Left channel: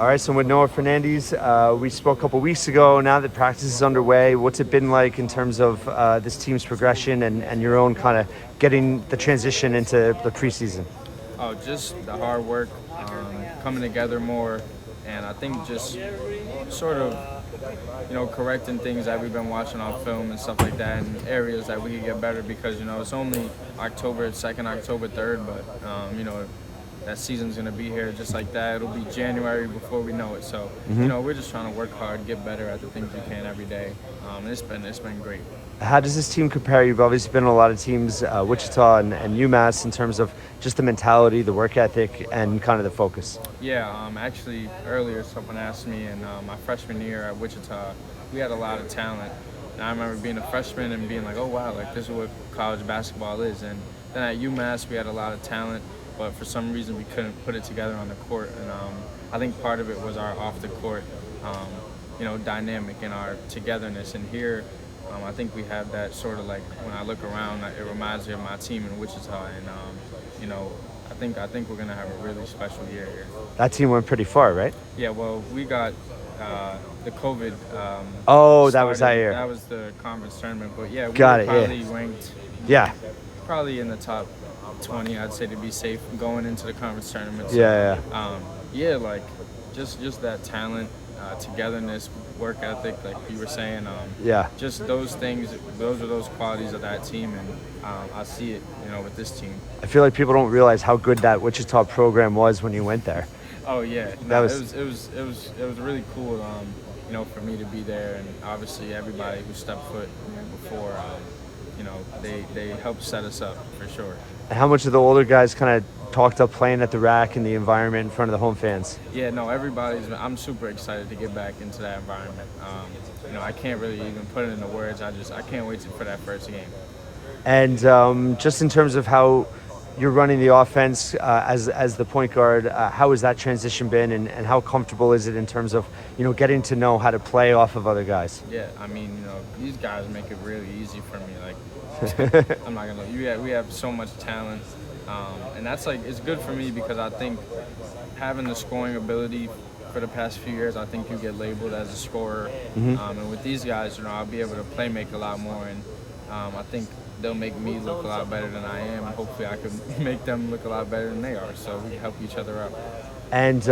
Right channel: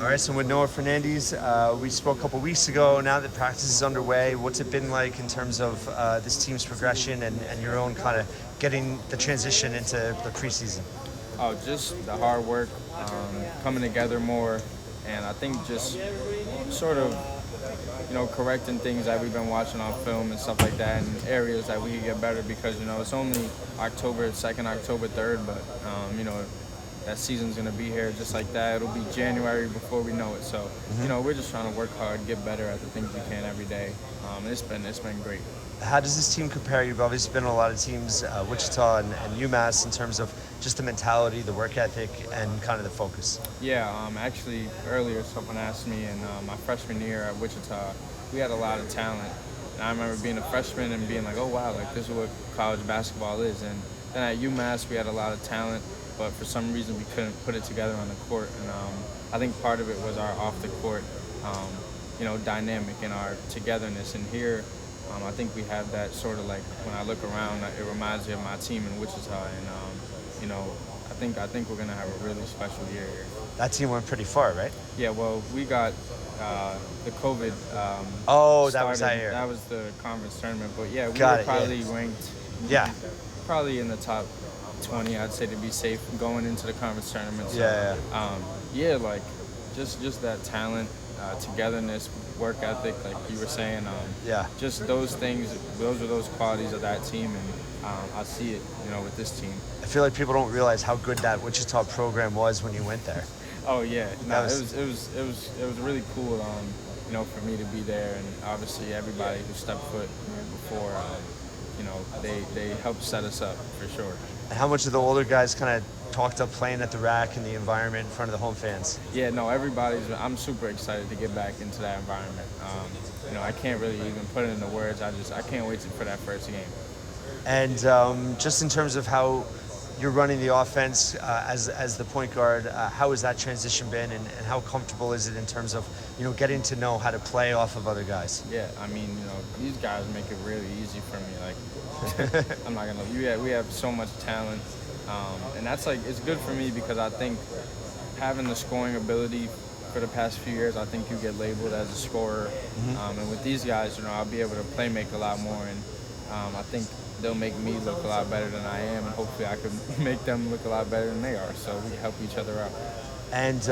All right, so with Noah Fernandes, we spoke a couple weeks ago. Now that practice is underway, what's it been like in terms of this team's progression and your own kind of getting the transition into the preseason? Oh, just the hard work, coming together more, and I think just sort of, correcting things that we've been watching on film and stuff like that, and areas that we could get better because it's only October 2nd, October 3rd, but that season's gonna be here just like that. It'll be January before we know it. So we're just trying to work hard, get better at the things we can every day. It's been great. How does this team compare? You've obviously been in a lot of teams, Wichita and UMass, in terms of just the mentality, the work ethic, and kind of the focus. Yeah, actually, earlier someone asked me in my freshman year at Wichita, we had a lot of talent. And I remember being a freshman and being like, oh, wow, like this is what college basketball is. And then at UMass, we had a lot of talent, but for some reason we couldn't put it together on the court. And I think part of it was our off the court, dynamic and our togetherness. And here, I think we have that sort of like when I look around, it reminds me of my team in Wichita. And, I think we're going to have a really special year here. That team went pretty far, right? Yeah, well, we got the COVID Oh, that started. was that year. That was the conference tournament. But yeah, we Got were it, probably yeah. ranked Yeah, probably in the top 20, I'd say, to be safe going into the conference tournament. So, like just that talent, togetherness, work ethic, like you were saying. yeah. Just those things. Those are those qualities of that team, and I see it, with this team. I feel like people don't realize how good that Wichita program was when you went there. Oh yeah, no, was- it was really cool. For me to be there, and obviously everybody who stepped foot there before, they helped set us up for sure. How much of the older guys kind of talked up playing at the rack and the environment in front of the home fans? Yeah, no, I'm super excited to get back into that environment. I can't really even put it into words. I can't wait for that first game. And just in terms of how you're running the offense as the point guard, how has that transition been, and how comfortable is it in terms of getting to know how to play off of other guys? Yeah, I mean, these guys make it really easy for me. Like, I'm not gonna. We have so much talent, and that's like it's good for me because I think having the scoring ability for the past few years, I think you get labeled as a scorer, and with these guys, I'll be able to play make a lot more, and I think they'll make me look a lot better than I am, and hopefully I can make them look a lot better than they are. So we help each other out. And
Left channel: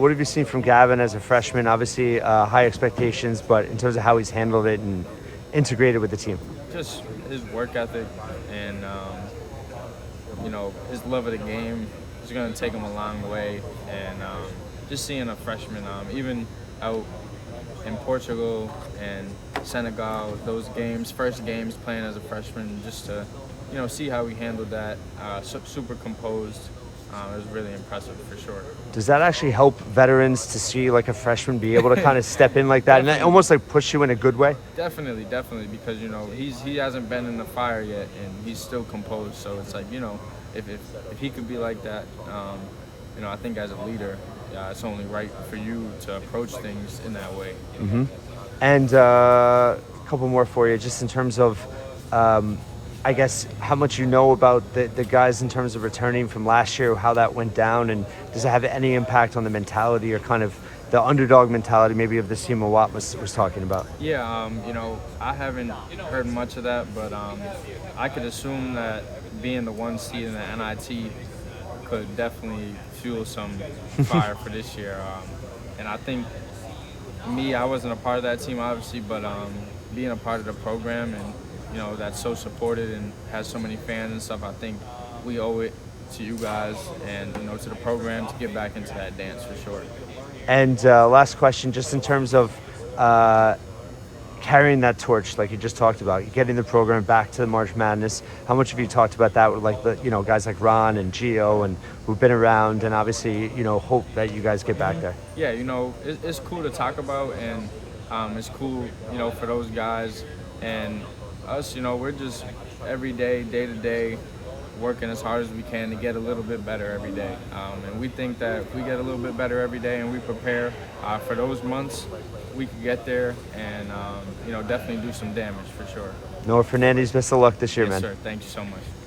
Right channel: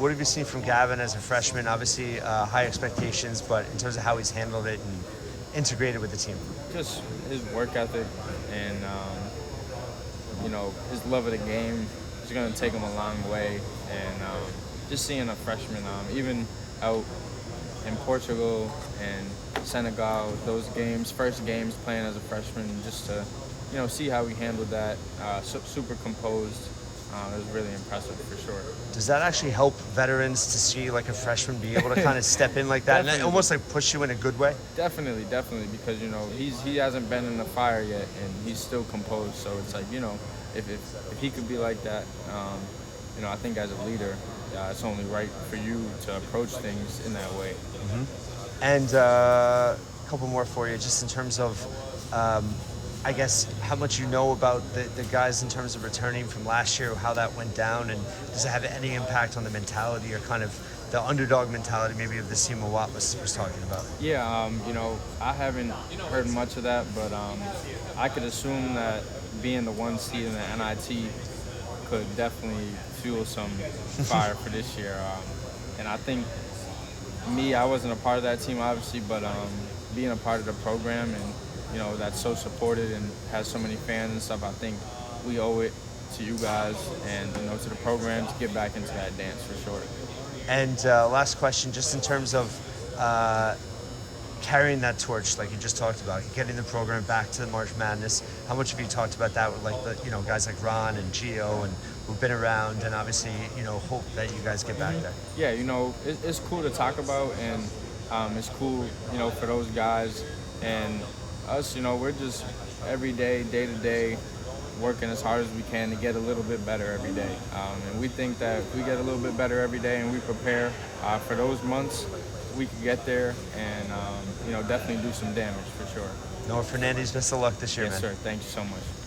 what have you seen from Gavin as a freshman? Obviously, high expectations, but in terms of how he's handled it and integrated with the team. Just his work ethic and his love of the game is going to take him a long way. And just seeing a freshman, even out in Portugal and Senegal, those games, first games playing as a freshman, just to see how he handled that, super composed. It was really impressive for sure. Does that actually help veterans to see like a freshman be able to kind of step in like that and almost like push you in a good way? Definitely, because he hasn't been in the fire yet, and he's still composed. So it's like if he could be like that, I think as a leader, it's only right for you to approach things in that way. Mm-hmm. And a couple more for you, just in terms of, I guess, how much you know about the guys in terms of returning from last year, how that went down, and does it have any impact on the mentality or kind of the underdog mentality maybe of the Sima Watt was talking about? Yeah, I haven't heard much of that, but I could assume that being the one seed in the NIT could definitely fuel some fire for this year. And I think I wasn't a part of that team, obviously, but being a part of the program and that's so supported and has so many fans and stuff, I think we owe it to you guys and to the program to get back into that dance for sure. And last question, just in terms of carrying that torch, like you just talked about, getting the program back to the March Madness. How much have you talked about that with like the guys like Ron and Gio and who've been around, and obviously hope that you guys get back there? Yeah, it's cool to talk about, and it's cool for those guys and us. We're just every day to day working as hard as we can to get a little bit better every day, and we think that if we get a little bit better every day and we prepare for those months, we could get there and definitely do some damage for sure. Noah Fernandes, best of luck this year, Yes, man. sir. Thank you so much.